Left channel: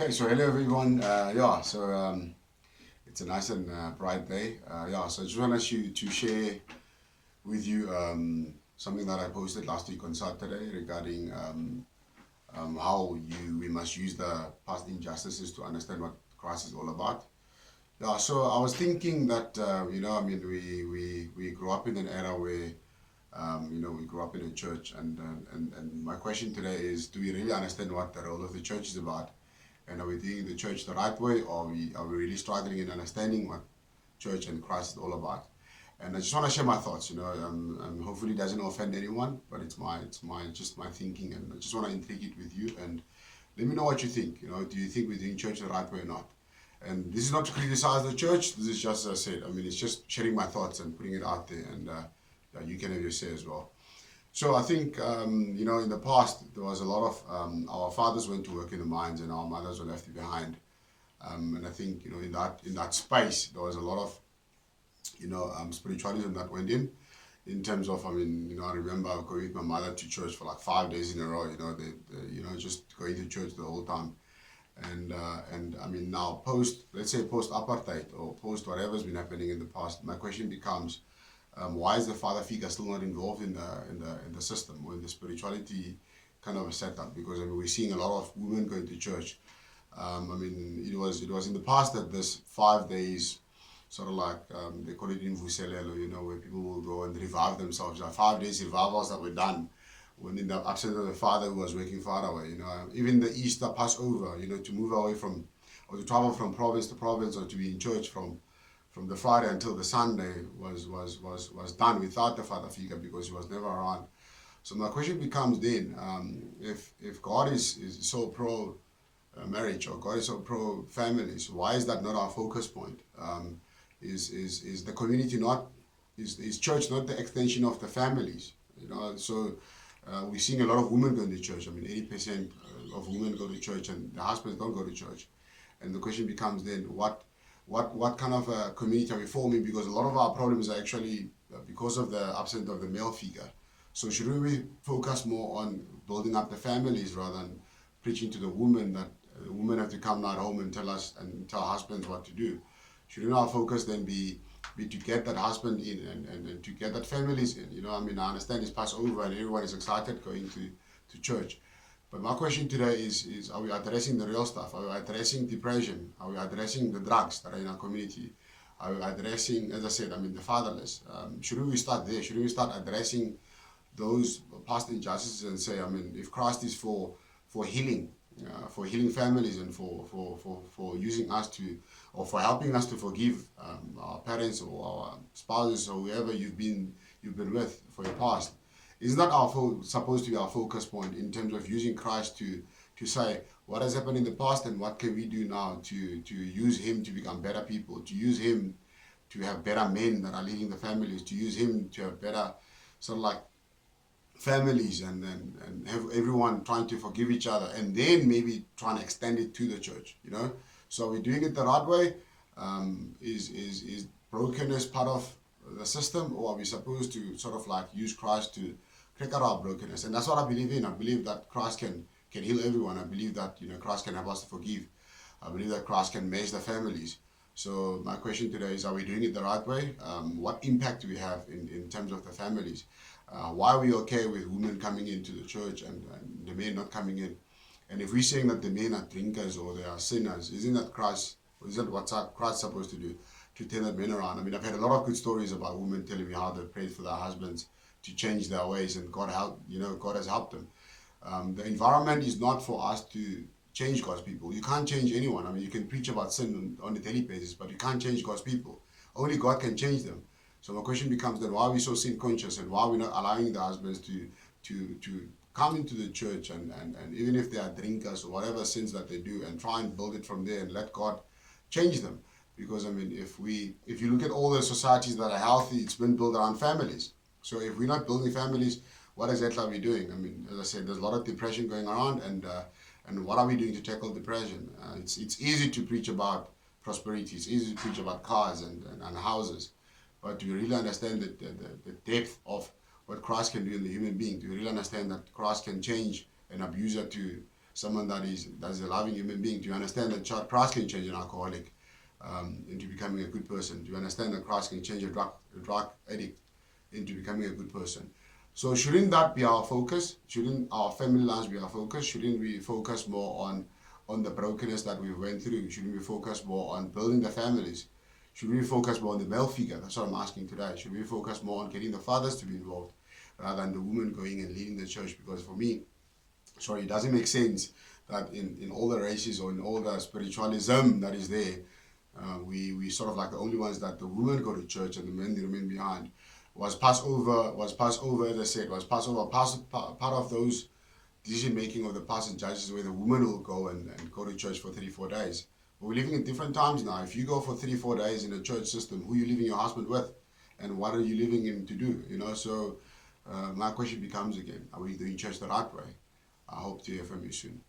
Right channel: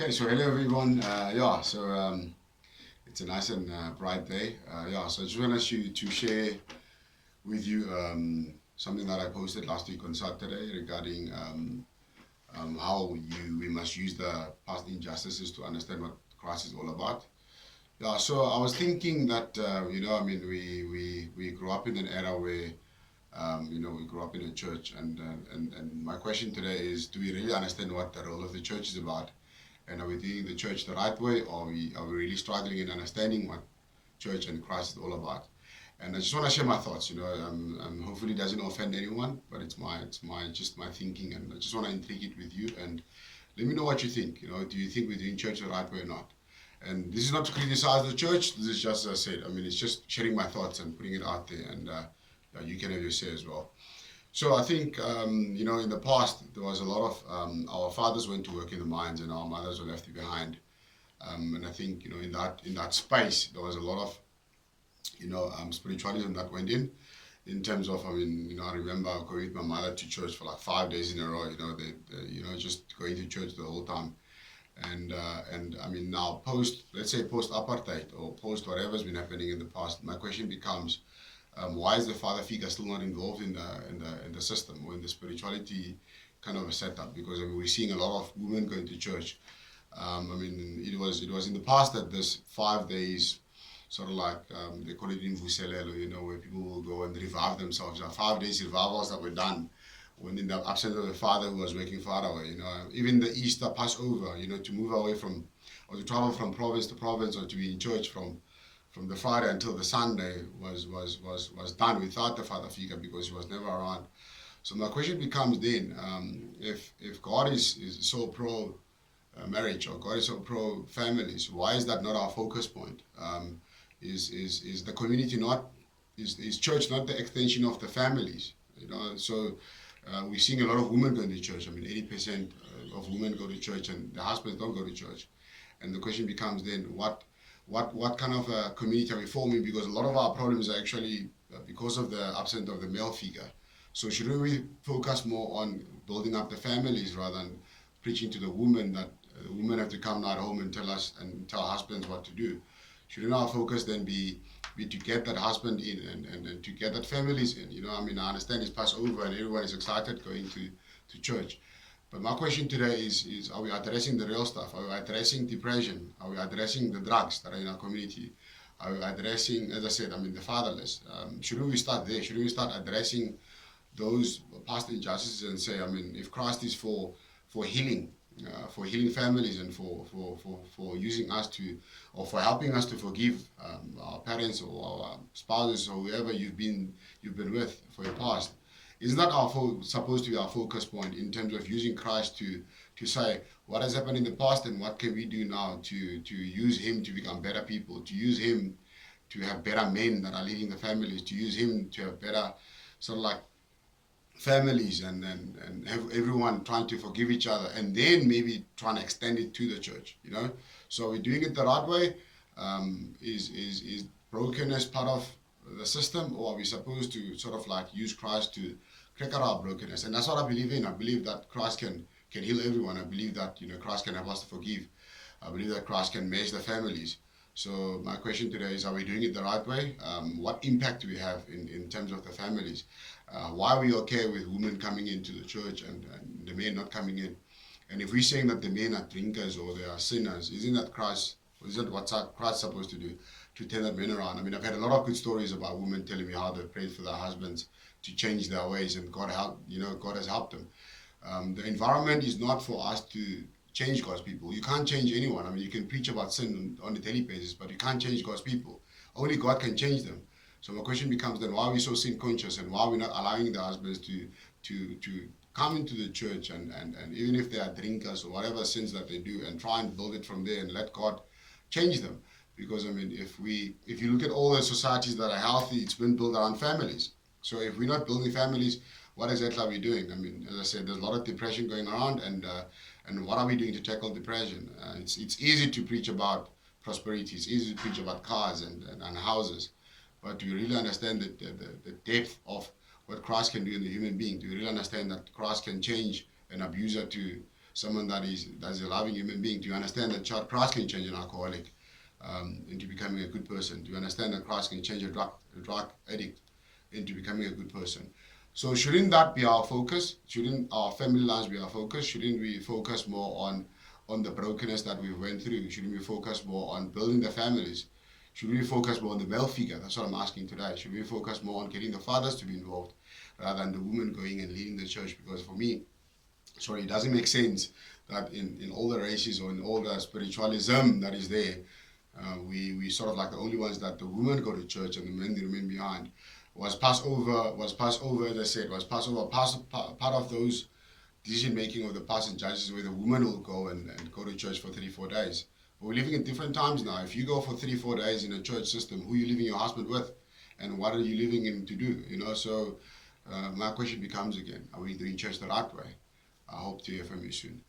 Okay, so hello everyone. It's a nice and bright day. So I just wanted to share with you something that I posted last week on Saturday regarding how we must use the past injustices to understand what Christ is all about. Yeah, so I was thinking that we grew up in an era where we grew up in a church, and my question today is: do we really understand what the role of the church is about? And are we doing the church the right way, or are we really struggling in understanding what church and Christ is all about? And I just want to share my thoughts. Hopefully it doesn't offend anyone, but it's my just my thinking, and I just want to intrigue it with you. And let me know what you think. Do you think we're doing church the right way or not? And this is not to criticize the church. This is just, as I said, it's just sharing my thoughts and putting it out there, and you can have your say as well. So I think, in the past, there was a lot of, our fathers went to work in the mines and our mothers were left behind. And I think, in that space, there was a lot of, spiritualism that went in terms of, I remember going with my mother to church for like 5 days in a row, just going to church the whole time. And now let's say post apartheid or post whatever's been happening in the past, my question becomes, why is the father figure still not involved in the system or in the spirituality kind of a setup? Because we're seeing a lot of women going to church. It was in the past that this 5 days, sort of like they call it in Vuselelo, where people will go and revive themselves. 5 days revivals that were done when in the absence of the father who was working far away. Even the Easter Passover, to move away from or to travel from province to province or to be in church from the Friday until the Sunday was done without the father figure because he was never around. So my question becomes then, if God is so pro marriage or God is so pro families, why is that not our focus point? Is the community not is church not the extension of the families? So we're seeing a lot of women going to church. 80% of women go to church and the husbands don't go to church. And the question becomes then, what kind of a community are we forming? Because a lot of our problems are actually because of the absence of the male figure. So shouldn't we focus more on building up the families rather than preaching to the women that women have to come now at home and tell husbands what to do? Shouldn't our focus then be to get that husband in and to get that families in? I understand it's Passover and everyone is excited going to church. But my question today is are we addressing the real stuff? Are we addressing depression? Are we addressing the drugs that are in our community? Are we addressing, as I said, the fatherless? Shouldn't we start there? Shouldn't we start addressing those past injustices and say, if Christ is for healing, for healing families and for using us to, or for helping us to forgive our parents or our spouses or whoever you've been with for your past, isn't that supposed to be our focus point in terms of using Christ to say what has happened in the past and what can we do now to use him to become better people, to use him to have better men that are leading the families, to use him to have better sort of like families and have everyone trying to forgive each other and then maybe trying to extend it to the church. So we're doing it the right way. Is brokenness part of the system, or are we supposed to sort of like use Christ to crack out our brokenness? And that's what I believe in. I believe that Christ can heal everyone. I believe that Christ can help us to forgive. I believe that Christ can mesh the families. So my question today is, are we doing it the right way? What impact do we have in terms of the families? Why are we okay with women coming into the church and the men not coming in? And if we're saying that the men are drinkers or they are sinners, isn't that what Christ supposed to do? To turn that men around? I've had a lot of good stories about women telling me how they prayed for their husbands to change their ways and God has helped them. The environment is not for us to change God's people. You can't change anyone. You can preach about sin on a daily basis, but you can't change God's people. Only God can change them. So my question becomes then, why are we so sin conscious and why are we not allowing the husbands to come into the church and even if they are drinkers or whatever sins that they do and try and build it from there and let God change them? Because if you look at all the societies that are healthy, it's been built around families. So if we're not building families, what exactly are we doing? As I said, there's a lot of depression going around, and what are we doing to tackle depression? It's easy to preach about prosperity. It's easy to preach about cars and houses, but do you really understand the depth of what Christ can do in the human being? Do you really understand that Christ can change an abuser to someone that is a loving human being? Do you understand that Christ can change an alcoholic into becoming a good person? Do you understand that Christ can change a drug addict into becoming a good person? So shouldn't that be our focus? Shouldn't our family lives be our focus? Shouldn't we focus more on the brokenness that we went through? Shouldn't we focus more on building the families? Should we focus more on the male figure? That's what I'm asking today. Should we focus more on getting the fathers to be involved rather than the women going and leading the church? Because for me, it doesn't make sense that in all the races or in all the spiritualism that is there, we sort of like the only ones that the women go to church and the men they remain behind. Was Passover, as I said, was Passover part of those decision making of the past and judges where the woman will go and go to church for 34 days. But we're living in different times now. If you go for 34 days in a church system, who are you leaving your husband with? And what are you leaving him to do? So my question becomes again, are we doing church the right way? I hope to hear from you soon.